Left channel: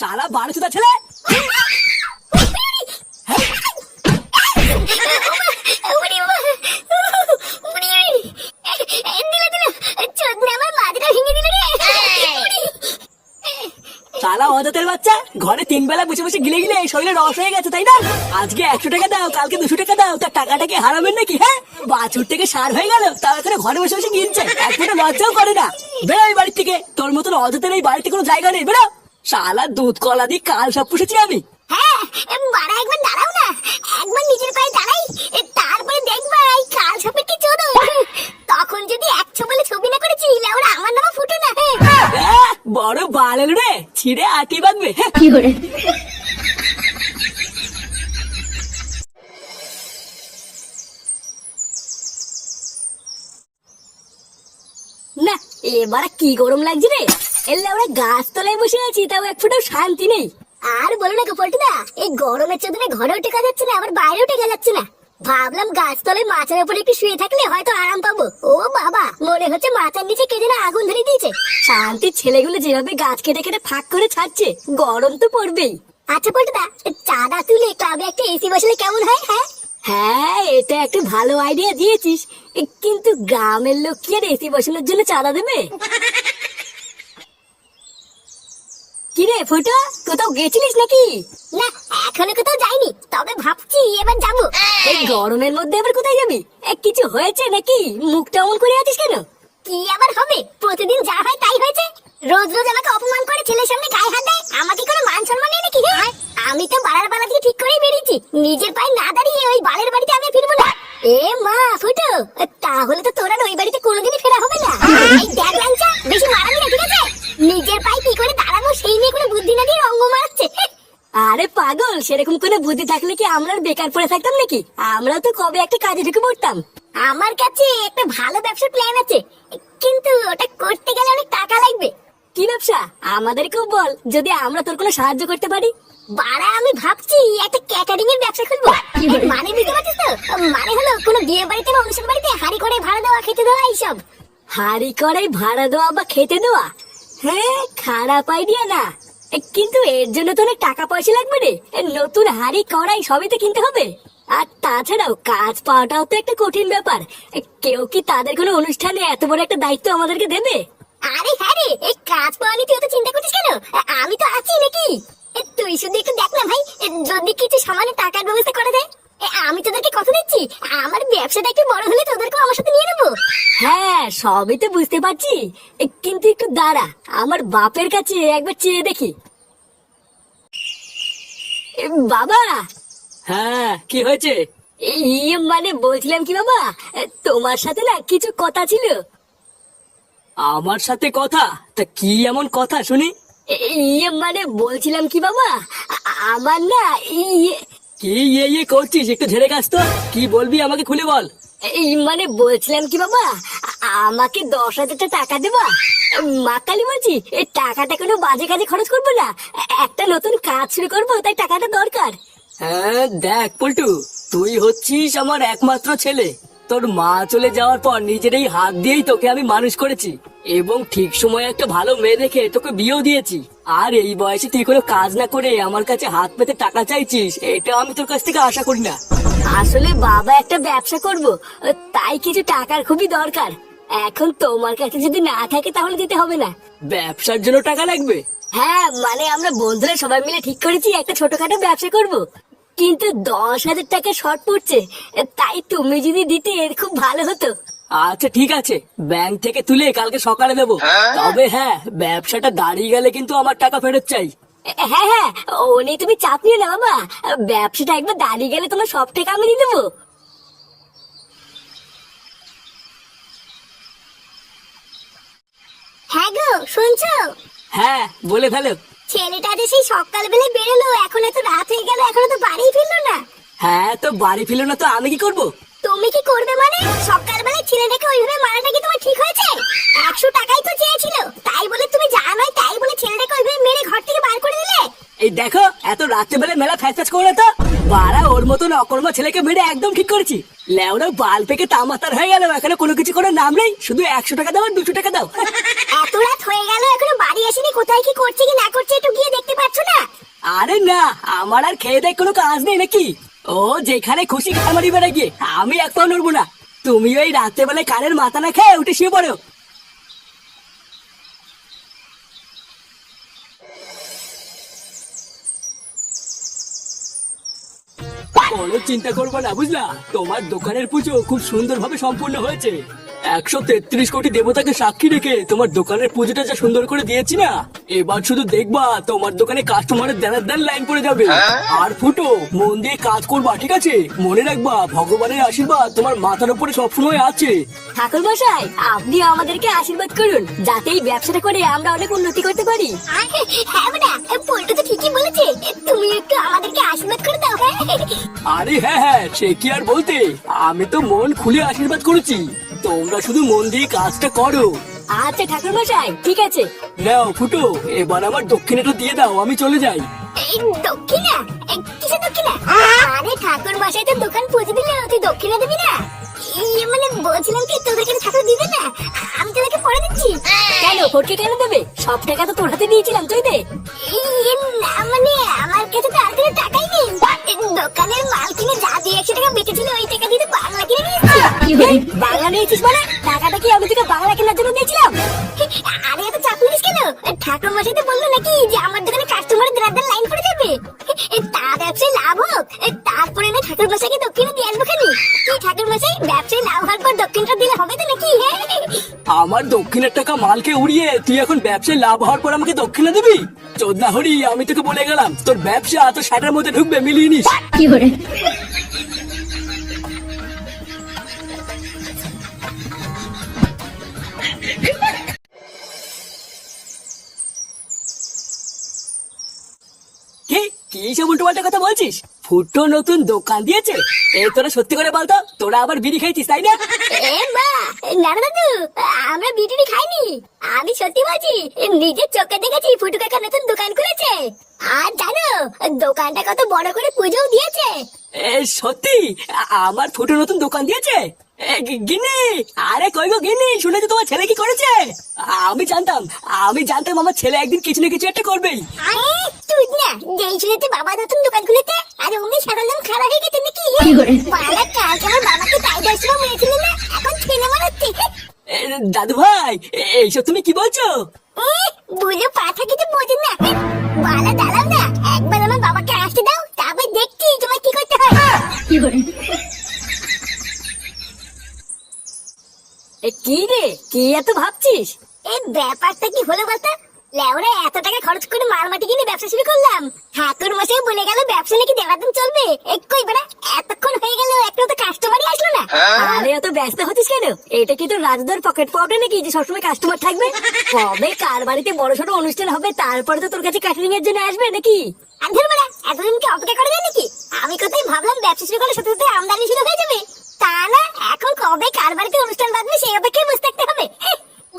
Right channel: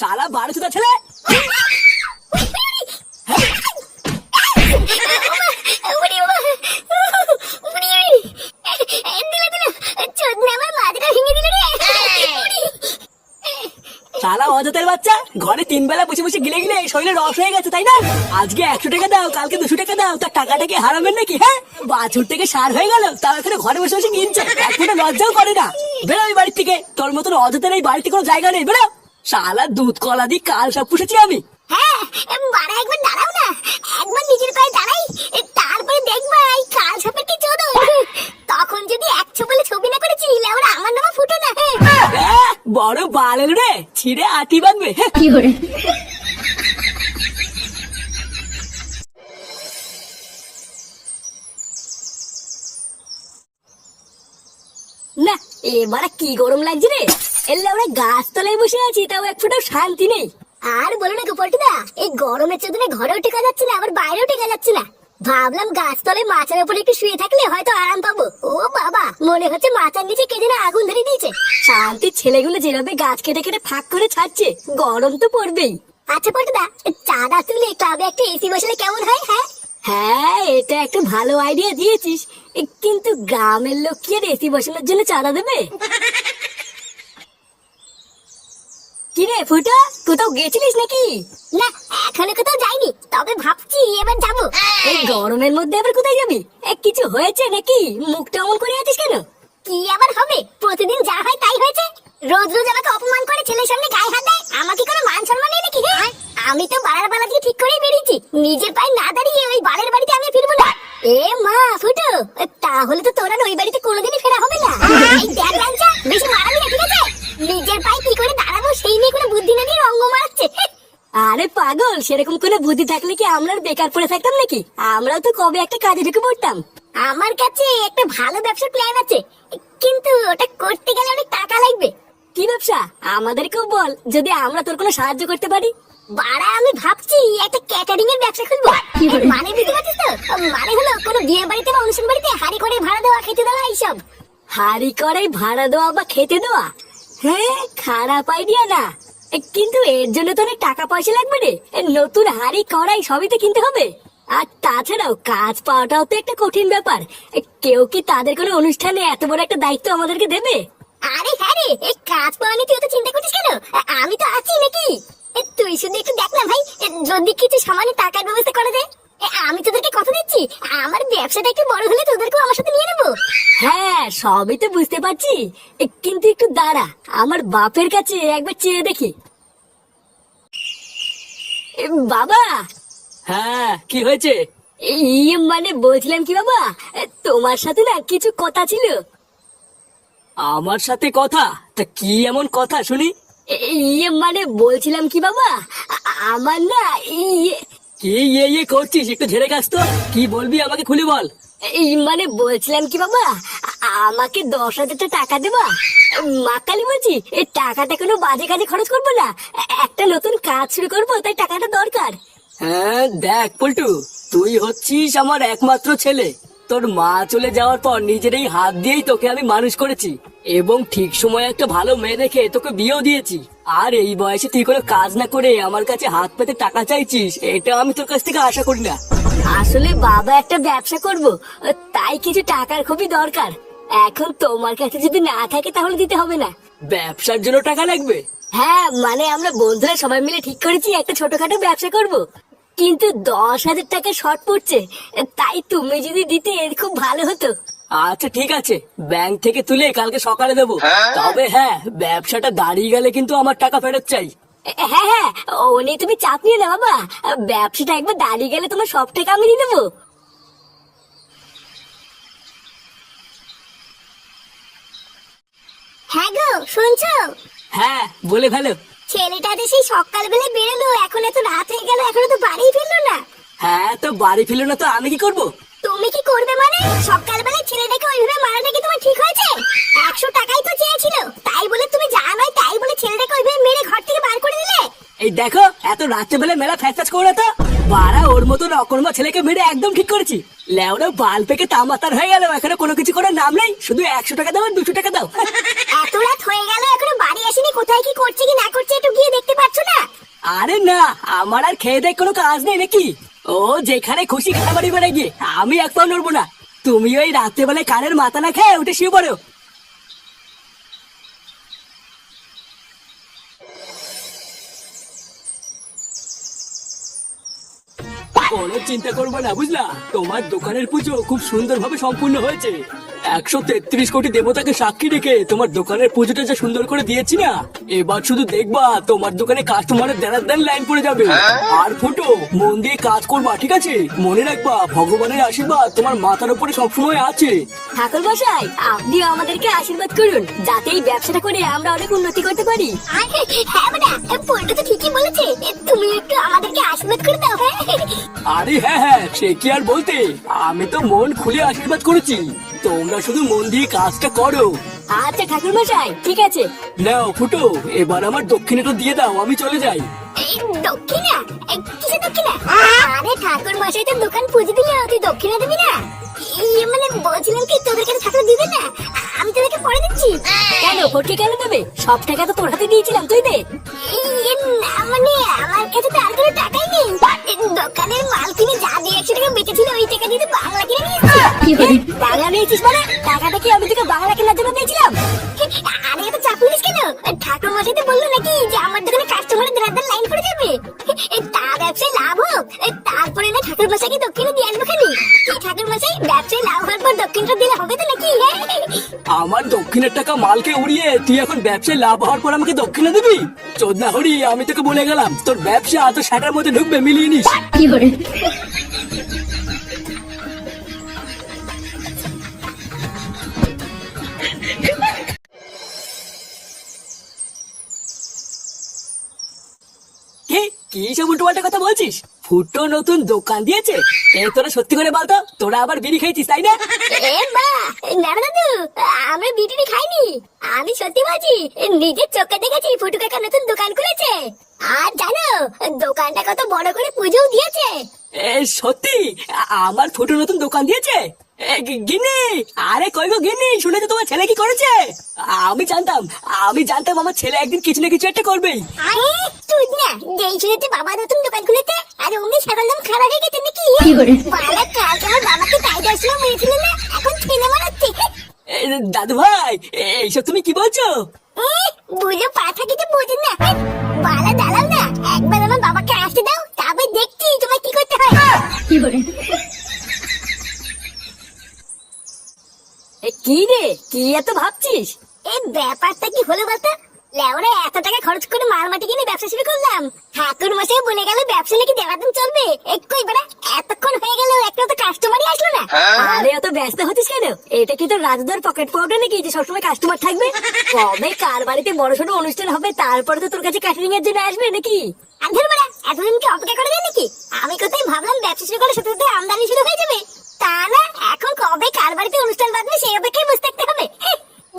শালা বারো চোদা ছেলে। শালা অযথের বাচ্চা, ঘরে 3 বেলা বসে বসে গিলে গিলে শরীরে রস হয়ে গেছে তাই না? আজকে 100 টাকা দাও, কালকে 200 টাকা দাও, তার টাকাটা কি হারাবেন নাকি? হ্যাঁ, বাছুর থেকে সার হয়ে গেল, তার এখানে ঘরে বসে বসে গিলছে, এক ফোঁটা লজ্জাও করে না। বেরো এই বাড়ির থেকে, তোর মতন অযথের এই বাড়িতে কোনো জায়গা নেই, বেরো। শালা দুধ কলা দিয়ে কাল সব পুষেছি আমি। হ্যাঁ, বাড়া একবার দাঁড়াও না, একবার নিজের পায়ে দাঁড়াই, তারপরে দেখবা এই কাল সাপের কি চোদন। তখন যদি 100 বলে ছবি না করেছি, ওরা আমার নামে ফুটো না। বড় বালের রে, ছিঁড়ে আটি বাঁধবে। কি করে না, এবার কি গরম লাগছে রে। এলে আমরা গাছ তলায় বসে আছি, তাও এক ফোঁটাও শান্তি নেই। আর বলো না গোপলটুদা, এই গরমের চোদনে ঘরেও টেকা যাচ্ছে না, আবার বাইরেও টেকা যাচ্ছে না। ভাবলাম গাছতলায় মাছের উপরে একটু শুয়ে থাকলে হয়তো আরাম পাবো। ও বাবা, মনে হচ্ছে মাথার নিচে কে যেন আগুন ধরে দিয়েছে। শান্তির ছেলেগুলো যেভাবে গাছ কেটে কেটে ফাঁক করে ছাড়ছে, গরম তো পড়বেই। আচ্ছা পল্টুদা, চাঁদা তুলে ক্লাবে একটা এসি বসালে কেমন হয়? হ্যাঁ হ্যাঁ, এটা একটা ভালো আইডিয়া দিয়েছিস, কিন্তু গ্রামের লোক কি আর এসি বসানোর জন্য চাঁদা দেবে? কিরে ফুটো, কোথাও গেছিলিস নাকি? না, এখনো কোথাও যাইনি, তবে ভাবছি এবার যাবো। এই গরমের মধ্যে আবার কোথায় যাবি? কিছু হয়েছে নাকি? মুখটা অমন করে আছিস কেন? কি আবার হবে, প্রতিদিন যা হয় তাই হয়েছে। রোজ রোজ আমাকে অপমান করে ছেলের সামনে গায়ে হাত দেয়, আমাকে কোনো মান সম্মান নেই নাকি? আমি তো বাড়ার বেলা দিয়ে ঠিক করেই বেরিয়েছি, নিজের পায়ে না দাঁড়িয়ে ওই বালের বাড়িতে আমি ফিরবো না। এ মা ফুটো, তাহলে তো তোরা ওই বাড়িতে কোনোদিনই ফেরা হবে না। এই দেখ লাঞ্চা, বেশি মারাবি না, ঠিক আছে? নিজের পায়ে কি করে দাঁড়াবো সেই নিয়ে কোনো বুদ্ধি না দিয়ে অঙ্গ মারাচ্ছে। আরে পাগল, সেরকম কোনো বুদ্ধি থাকলে কি আমরা বেকার পড়ে থাকতাম নাকি? আমরাও তো কবে একটা কাজে ঢুকে পড়তাম। আমার কাছে একটা ভালো ব্যবসার প্ল্যান আছে, কিন্তু ওটা করতে গেলে অনেক টাকা লাগবে। কি ব্যবসা? আমাদেরকেও বল, যদি আমরা তোর কোনো সাহায্য করতে পারি। বাড়া, আমি ভাবছি একটা ক্যাটারিং এর ব্যবসা খুলবো। মানে বুঝতে পারছিস তো? মানে হলো কোনো বিয়ে বাড়িতে বা অনুষ্ঠান বাড়িতে হাঁড়ি করে ভাড়া দেওয়া, খেতে দেওয়া, এইসব। হাঁড়ি করে ভাড়া দেওয়া বা খেতে দেওয়া? হ্যাঁ, খারাপ আইডিয়া না, কিন্তু এর জন্য তো অনেক টাকা পয়সা লাগবে রে। নতুন হাঁড়ি কড়াই সবই তো কিনতে হবে। আর তাছাড়াও কাজ পাওয়াটাও তো একটা কঠিন ব্যাপার। কেউ কি তাদের কোনো অনুষ্ঠানে এত বড় একটা দায়িত্ব আমাদেরকে দেবে? আরে হ্যাঁ রে, এই কাজ পাওয়া নিয়ে তুই তো চিন্তা করছিস কেন? আমি তো আছি নাকি? তুই শুধু একটু দেখ না ভাই, যদি কিছু সামান্য টাকার ব্যবস্থা করে দে। আমি তোদেরকে কথা দিচ্ছি, আমার ব্যবসাটা একটু বড় হলে তোদেরকেও আমার সাথে নিয়ে নেবো। হ্যাঁ, সবই তো বুঝতে পারছি, কিন্তু একটু দাঁড়া, আমার বাপের কাছে একবার চেয়ে দেখি। বাবা। হ্যাঁ, কি হয়েছে? মানে বলছিলাম কি বাবা, তোমার সাথে না কিছু কথা ছিল। আমার সাথে কথা? তা কি এমন কথা শুনি? মানে বলছিলাম কি বাবা, আমার না কি ইয়ে করছিস? একটু ঝেড়ে কাজ তো, কি বলবি আমাকে খুলে বল। মানে বলছিলাম কি বাবা, আমাকে 10,000 টাকা দেবা? মা কালী বলছি, এই টাকাটা কোনো বাজে কাজে খরচ করবো না, একটা নতুন কাজ শুরু করবো, তাই টাকাটা দরকার। হ্যাঁ দেখ পল্টু, তুই হচ্ছিস আমার একমাত্র ছেলে। তোর মা চলে যাওয়ার পর নিজের এই হাত দিয়েই তোকে আমি মানুষ করেছি, এবং ঠিক সময়ে একটা ভালো মেয়ে দেখে তোকে বিয়েও দিয়েছি। আর এই বয়সে তুই কোনো কাজ না করে আমার কাছে হাত পেতে টাকা চাইছিস, এটা আমি তোর কাছ থেকে আশা করি না। আসলে বাবা একটা ব্যবসা করব, তাই কিছু টাকার খুবই দরকার। এখন তোমার কাছে যদি না থাকে তাহলে দিতে হবে না। ব্যবসার জন্য টাকা লাগবে? হ্যাঁ, মানে আমরা বন্ধুরা সবাই মিলে ঠিক করেছি একটা ছোটখাটো ব্যবসা করব, কিন্তু 10,000 টাকা শর্ট পড়ছে, তাই তুমি যদি দিতে খুব ভালো হতো। আচ্ছা ঠিক আছে, ব্যাংক থেকে তুলে কালকে সকালে দেবো। তবে হ্যাঁ, ব্যবসাটা দাঁড়িয়ে গেলে কিন্তু আমার টাকা ফেরত চাই। হ্যাঁ হ্যাঁ, ও নিয়ে তুমি চাপ নিও না বাবা, ব্যবসাটা একবার দাঁড়িয়ে গেলে তোমার সব টাকা আমি দিয়ে দেবো। হ্যাঁ গো, শুনছো? হ্যাঁ, বলে ফেলো। ছেলেটা যে সেই সকালবেলা বেরোলো, এখন এত রাত হয়ে গেল, এখনো তো বাড়ি ফিরলো না। হ্যাঁ, তো বাড়ি ফিরলো না তো আমি কি করবো? তুমি কি করবে মানে? সকালবেলা ছেলেটাকে ওইভাবে মারাটা কি তোমার ঠিক হয়েছে? 100 টাকাই তো চেয়েছিল, তাই বলে তুমি যা নয় তাই বলে ছেলেটাকে ওইভাবে মেরে ঘর থেকে বার করে দিলে। এই দেখো, এত রাত্রেবেলা মেলা ফ্যাস করে তো বাড়া, ওর মতন অকর্মা ছেলেকে মেরে একদম ঠিক করেছি। লেওরা বাল থেকে তামাতার হয়ে গেল, এখানে কোনো কিছু করে নাম নেই, শুধু 100 টাকা দাও আর 200 টাকা দাও। এত রাত হয়ে গেল, এখনো বাড়ি আসেনি, কোথায় কি করছে কি না করছে একটু গিয়ে দেখতে পাচ্ছ না? আমার আর খেয়ে দেয় কোনো কাজ নেই নাকি? ও যেখানে খুশি খামারি বেড়ে গিয়ে আমি এক পাও নড়বো না। তুমি ওই রাত্রে বেলায় কানের মাথা না খেয়ে উঠে শুয়ে পড়ো। কোনো চিন্তা করবো না, বুঝলা? তোমার দোকানের পুজো খুব সুন্দরভাবে সম্পূর্ণ হয়েছে। 133 কোটি দেবতাকে সাক্ষী রেখে তোমার দোকানের পুজোটা যা সুন্দর করে দিয়েছি না, এবার শুধু দেখবা তোমার দোকানে কাস্টমারের দেনার দেন লাইন পড়ে যাবে। আর ফুটো, মন দিয়ে কাজ করবা, ঠিক আছে? মনে রাখবা ভগবানের আশীর্বাদ তোমার মাথার উপরে সবসময় আছে। ঠাকুর মশাই, আপনিও আমাদেরকে আশীর্বাদ করুন যাতে এই ব্যবসাটা করে আমরা অনেক উন্নতি করতে পারি। হ্যাঁ বেটা, পল্টু তো ঠিকই বলেছে, তুমি একটু আমাদেরকে আশীর্বাদ করে দাও। আরে হ্যাঁ, সে কি আর বলতে, আমি তো মন খুলে আশীর্বাদ করেছি। তোমরা শুধু মন দিয়ে কাজটা করো। আচ্ছা ঠাকুর মশাই, ঠিক আছে। নাও ফুটো, এবার আমার দক্ষিণাটা দিয়ে দাও, আমি চলে যাই। এই দক্ষিণা? কিসের দক্ষিণা? আরে ঠাকুর মশাই তো দোকান পুজো দিলে, তুই দক্ষিণা দিবি না? মানে বলছিলাম কি, তোদের কাছে ঠাকুর দিবে না, আমি তোদেরকে পরে দিচ্ছি। কেন ফটকে কেন দেবে? সব টাকা তো তোর হাতে দিয়েছিলাম, তুই দে। না মানে আমার কাছে তো আর কোনো টাকাই নেই। দোকানের মাল কিনে যা দিয়ে 100 টাকা বেঁচেছিল ওই টাকা দিয়ে বাংলা কিনে নিয়েছি। বাংলা নিয়েছিস মানে? টাকাটা কি আমি তোকে বাংলা কেনার জন্য দিয়েছিলাম? আরে এত চাপ নিস কেন? ঠাকুর মশাই তো বললো নাকি যে আমার দোকানে কাস্টমারের দেনার লাইন পড়ে যাবে, তার ব্যবসায় লাভ হোক, তারপরে না ঠাকুর মশাইকে দক্ষিণে দিয়ে আসবো। খালি কি ঠাকুর মশাই, ব্যবসায় লাভ হওয়ার পর দক্ষিণটা দিলে হবে তো নাকি? আমার দক্ষিণের টাকা মালকে উড়িয়ে তুই এখন ব্যবসায় লাভ হওয়ার পর আমাকে দক্ষিণে দিবি? চোদনা হরি, আমি তোকে বলে গেলাম, তোর ব্যবসা তো সেটার মধ্যে ঢুকবে, মিলিয়ে নিস। কি করে? কি সব উল্টোপাল্টা কথা বলছিস? ফুটো নতুন দোকান দিয়েছে? এ তোরা সত্যি করে বলতো, তোরা আবার বিড়ি খাইছিস তাই না? না দাদু, আমরা বিড়ি খাইনি। আমি সত্যি বলছি, নিজের চোখে দেখেছি ফুটু কাকা নতুন দোকান খুলেছে। আর জানো দোকানটা কত বড় করে পুজোও দিয়েছে। সত্যি? আমার ফুটো নতুন দোকান দিয়েছে? গিন্নি, আরে কই গো গিন্নি, শুনেছো তোমার ছেলে কি করেছে? আমি জানতাম আমার ছেলে একদিন কিছু না কিছু একটা করবেই। আরে তুই না যেই শুনেছে বাবা নতুন দোকান খুলেছে, আর অমনি সারাদিন খারাপ হয়ে গেছে নাকি? বাবা কালকে আমার বাবাকে তাই দর্শন মেরেছিল না, এখন ছেলে মারাচ্ছে। দাদু ভাই, এইসব তুমি কি বলছো? বুঝে পাঠা কিছু বোঝেন না, বালা দাঁড়াও না, একবার আমার বাবাকে আসতে দাও, তারপর দেখছি তোমার কি করতে হয়। কি রে, কি এত ভাবছিস? এই ব্যাপারটা কি হলো বলতো? লেওরা এত টাকা খরচ করে মারমাটি কিনে ব্যবসা শুরু করলাম, ঠাকুর মশাই বলে গেল ব্যবসা নাকি দেওয়ার চলবে। কই বাড়া, এতক্ষণ হয়ে গেল একটা তো কাস্টমারই আসলো না। আরে অত ব্যস্ত হচ্ছিস কেন? এটা কি তোর রাজদার পকেট পাউডার নাকি যে সবসময় কাস্টমার থাকবে? কবে কার বাড়িতে বড় ছোট অনুষ্ঠান হবে তারপরে তো তোর কাছে ক্যাটারিং এর জন্য আসবে নাকি? আন্ধের বাড়া, এতদিন কি অপেক্ষা করে যায় নাকি? আমি কোথায় ভাবলাম ব্যবসা শুরু করার সাথে সাথে আমদানি শুরু হয়ে যাবে, তা না, এখন কবে কার বাড়িতে অনুষ্ঠান বাঁধবে সেই অপেক্ষায় বসে থাকতে হবে।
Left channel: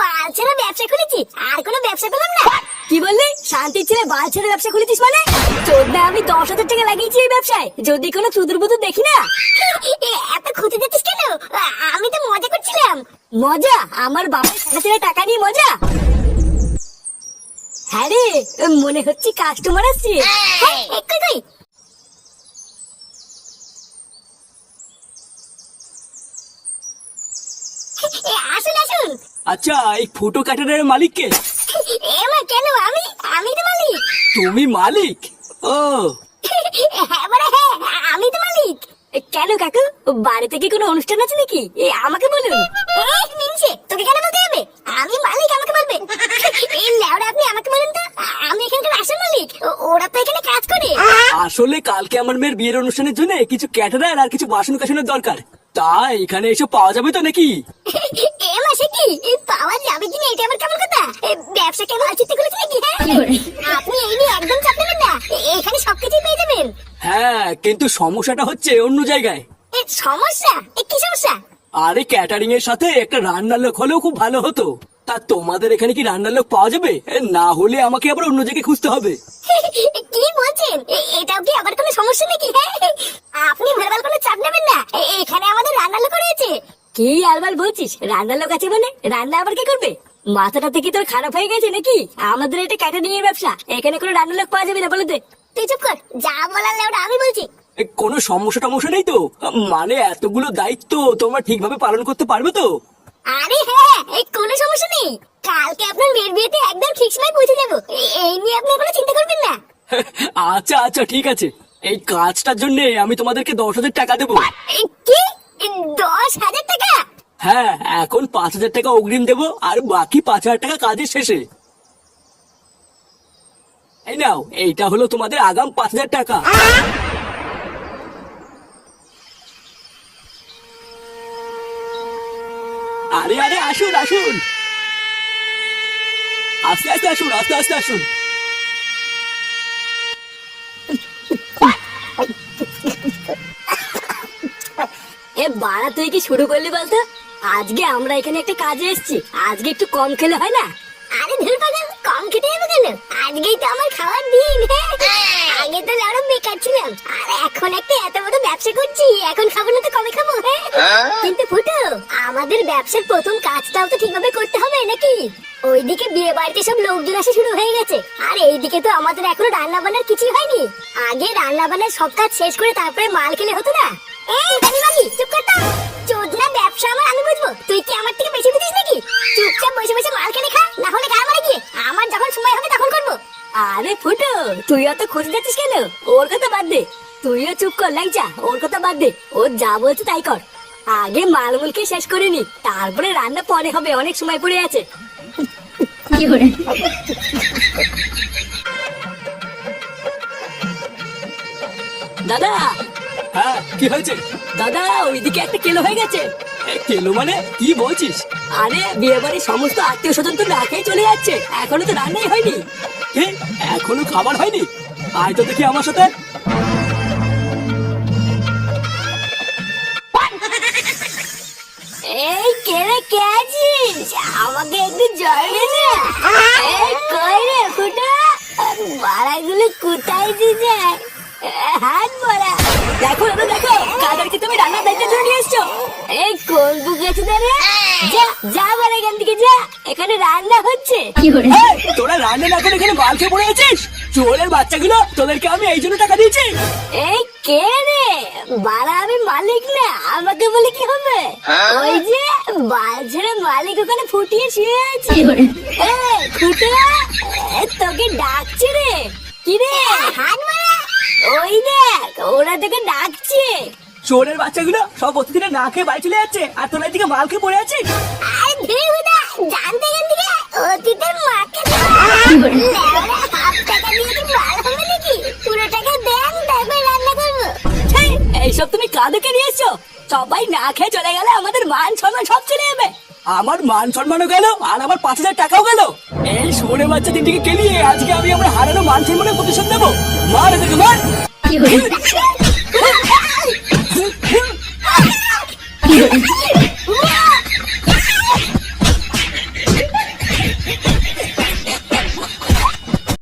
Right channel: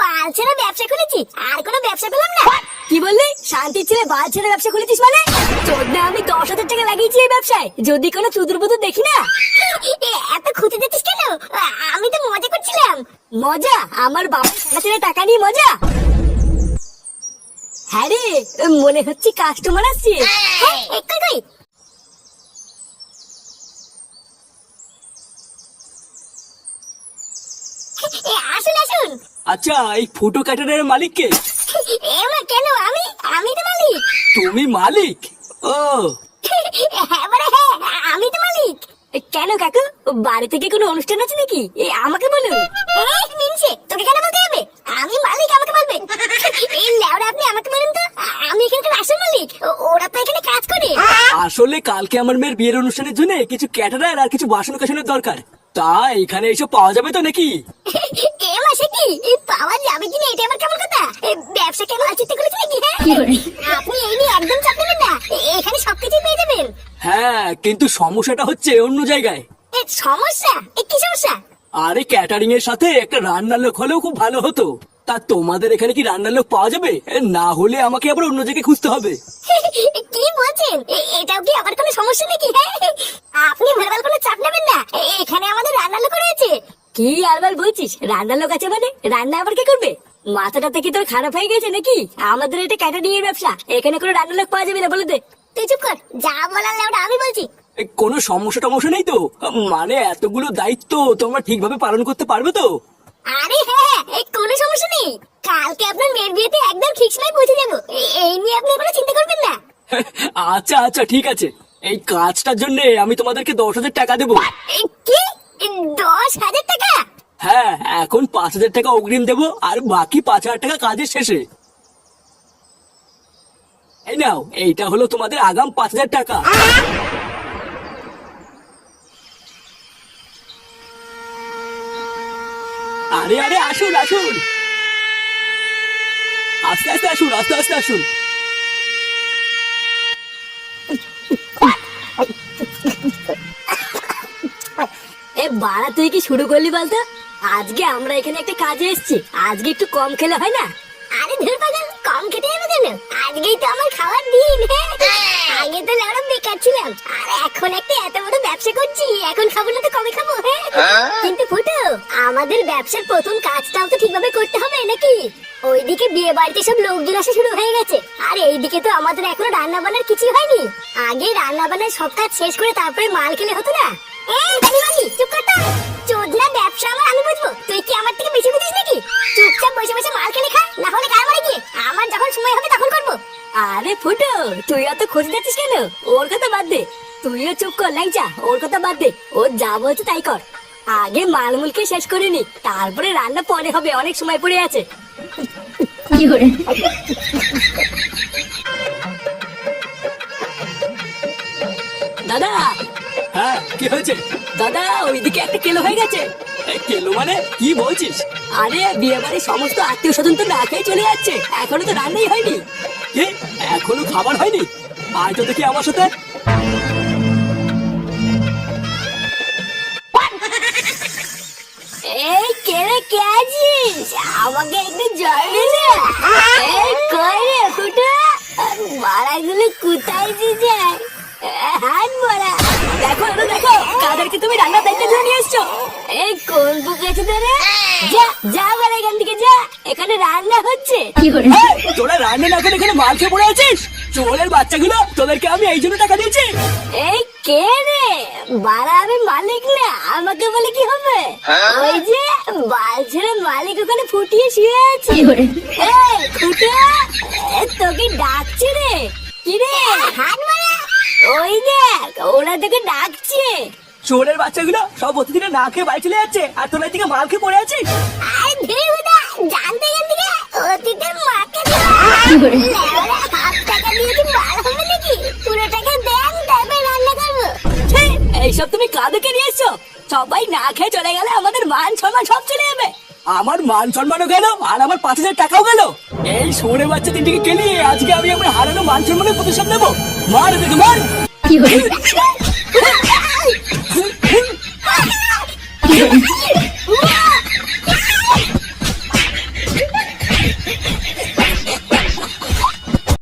বালছেরা ব্যবসা খুলেছি, আর কোনো ব্যবসা পেলাম না। কি বললি? শান্তির ছেলে বালছেরা ব্যবসা খুলেছিস মানে? চোদ্দা আমি 10,000 টাকা লাগিয়েছি এই ব্যবসায়, যদি কোনো চুদুর বুদুর দেখি না। এত খুঁজে দিচ্ছিস কেন? আমি তো মজা করছিলাম। মজা? আমার বাবার ছেলে টাকা নিয়ে মজা? হ্যাঁ রে, মনে হচ্ছে কাস্টমার আসছে। কই আসুন আসুন। আচ্ছা, এই ফুটো ক্যাটারিং মালিক কে? এমা কেন? আমি তো মালিক। তুমি মালিক? ও হ্যাঁ বড়, হ্যাঁ আমি তো মালিক। কেন কাকু, বাড়িতে কি কোনো অনুষ্ঠান আছে নাকি? আমাকে বলুন। মিনছে, তোকে কেন বলতে হবে? আমি মালিক, আমাকে বলবে। এই লেওড়া, আপনি আমাকে বলুন তো, আমি এখানকার আসল মালিক, ওরা তো এখানে কাজ করে। আসলে কালকে আমার মেয়ের বিয়ের অনুষ্ঠানের জন্য কিছু ক্যাটারার আর কিছু বাসন কাসনের দরকার, তাই এখানে এসব পাওয়া যাবে তো নাকি? এ মাসে কি পাওয়া যাবে কিনা এটা আমার কেমন কথা? ব্যবসা কেন আচিতে করেছে নাকি? আপনি এই নিয়ে একদম চাপ নেবেন না, এখানে সবকিছুই পেয়ে যাবেন। হ্যাঁ, কিন্তু সমস্যাটা হচ্ছে অন্য জায়গায়। সমস্যা? কি সমস্যা? আরে ক্যাটারিং এর সাথে একটা রান্নার লোক হলেও খুব ভালো হতো। তা তোমাদের এখানে কি রান্নার লোক পাওয়া যাবে? না হলে আমাকে আবার অন্য জায়গায় খুঁজতে হবে। কি বলছেন? এটাও কি আবার কোনো সমস্যা নাকি? আপনি ভেরবার কোনো চাপ নেবেন না, এখানে আমাদের রান্নার লোক রয়েছে। কি আরবার বলছিস? রান্নার লোক আছে মানে? রান্না আবার কে করবে? মাথাটা থেকে তোর খারাপ হয়ে গেছে নাকি? আমাদের এটা ক্যাটারিং এর ব্যবসা, এখানে কোনো রান্নার লোক পাওয়া যাবে না, বলে দে। তুই চুপ কর, যা বলার ওটা আমি বলছি। কোনো সমস্যা টমস্যা নেই তো? মানে এতগুলো দায়িত্ব তোমরা ঠিকভাবে পালন করতে পারবে তো? আরে হ্যাঁ, এই কোনো সমস্যা নেই। কালকে আপনার মেয়ের বিয়েতে একদম ঠিক সময় পৌঁছে যাবো, এই নিয়ে আপনি কোনো চিন্তা করবেন না। আচ্ছা আচ্ছা ঠিক আছে, এই কাজটার জন্য আমি তোমাদেরকে 10,000 টাকা দেবো। কি? 10,000 টাকা? হ্যাঁ, এখন 5,000 টাকা অগ্রিম দেবো, আর বাকি 5,000 টাকা কাজের শেষে। এই নাও, এইটা হলো তোমাদের আগাম 5,000 টাকা। আরে আরে আসুন আসুন, আস্তে আস্তে আসুন, আস্তে আস্তে আসুন। এ বাড়া, তুই কি শুরু করলি বলতো? আজকে আমরা এখানে একটা কাজে এসেছি, আজকে একটু কম খেলে হয় না? আরে ধুর পাগল, কম খেতে যাবো কেন? আজকেই তো আমার খাওয়ার দিন। আগে তো আরো বেকার ছিলাম, আর এখন একটা এত বড় ব্যবসা করছি, এখন খাবো না তো কবে খাবো? কিন্তু ফুটো, আমাদের ব্যবসার প্রথম কাজটাও তো ঠিকভাবে করতে হবে নাকি? ওইদিকে বিয়ে বাড়িতে সব লোকজন আসা শুরু হয়ে গেছে, আর এইদিকে তো আমাদের এখনো রান্না বান্নার কিছুই হয়নি। আগে রান্না বান্নার সব কাজ শেষ করে তারপরে মাল খেলে হতো না? এই দাদিমাগি, চুপ কর তো। চোদনা ব্যবসা আমার আমি বুঝবো, তুই কি আমার থেকে বেশি বুঝিস নাকি? চুপচাপ বসে বসে মাল খেলে খা, না হলে গায়ে মারে গিয়ে আমার যখন সময় হবে তখন করবো। আরে ফুটো, তুই অত খোঁজ দিচ্ছিস কেন? ওর কথা বাদ দে, তুইও চুপ কর লাইজা, ওর কথা বাদ দে, ও যা বলছে তাই কর। আগে মালমুলকে শেষ করে নি, তারপরে রান্না পরে হবে, অনেক সময় পড়ে আছে। কি করে? দাদা। হ্যাঁ, কি হয়েছে? দাদা, ওইদিকে একটা কেলো হয়ে গেছে। কেলো মানে কি বলছিস? আরে বিয়ে বাড়ির সমস্ত আত্মীয় স্বজন তো না খেয়ে চলে যাচ্ছে, এখনো তো রান্নাই হয়নি। এ, এখনো খাবার হয়নি? আয় তো দেখি আমার সাথে। এই কে রে, কে আছিস? আমাকে একটু জল দে না। এই কই রে ফুটা, বাড়াগুলো কোথায় যায়? হাত বড়া। দেখো দাদা, দেখো কাদেরকে তুমি রান্নার দায়িত্ব ধরে নিয়ে এসছো। এই কোন বুক আছে দাদা? যা যা, আমার এখান থেকে যা, এখানে রান্না হচ্ছে। তোরা রান্না না করে এখানে মাল খেয়ে পড়ে আছিস? চোরের বাচ্চাগুলো, তোদেরকে আমি এই জন্য টাকা দিয়েছি। এই কে রে? বাড়া আমি মালিক না, আমাকে বলে কি হবে? ওই যে বাল ছেড়ে মালিক ওখানে ফুটিয়ে শুয়ে আছে। এই ফুটা, তোকে ডাকছে রে। কি রে, হাত মারা? ওই দেখ, ওরা তোকে ডাকছে। চোরের বাচ্চাগুলো সব অতিথিরা না খেয়ে বাড়ি চলে যাচ্ছে, আর তোরা এদিকে মাল খেয়ে পড়ে আছিস। আরে ধীরে হুদা, জানতে কেন দিকে অতীতের মাকে হাফ টাকা দিয়ে কি মাল হবে নাকি? পুরো টাকা দেন, তারপর রান্না করবো। এইসব তুমি কাঁদুকে নিয়ে এসছো? সবাই না খেয়ে চলে গেলে আমাদের মান সম্মান সব চলে যাবে। আমার মান সম্মানও গেল, আর আমার 5,000 টাকাও গেল। এই চোরের বাচ্চা তিনটিকে কেলিয়ে আজকে আমি আমার হারানো মান সম্মানের প্রতিশোধ নেবো। মার দেখো, মার।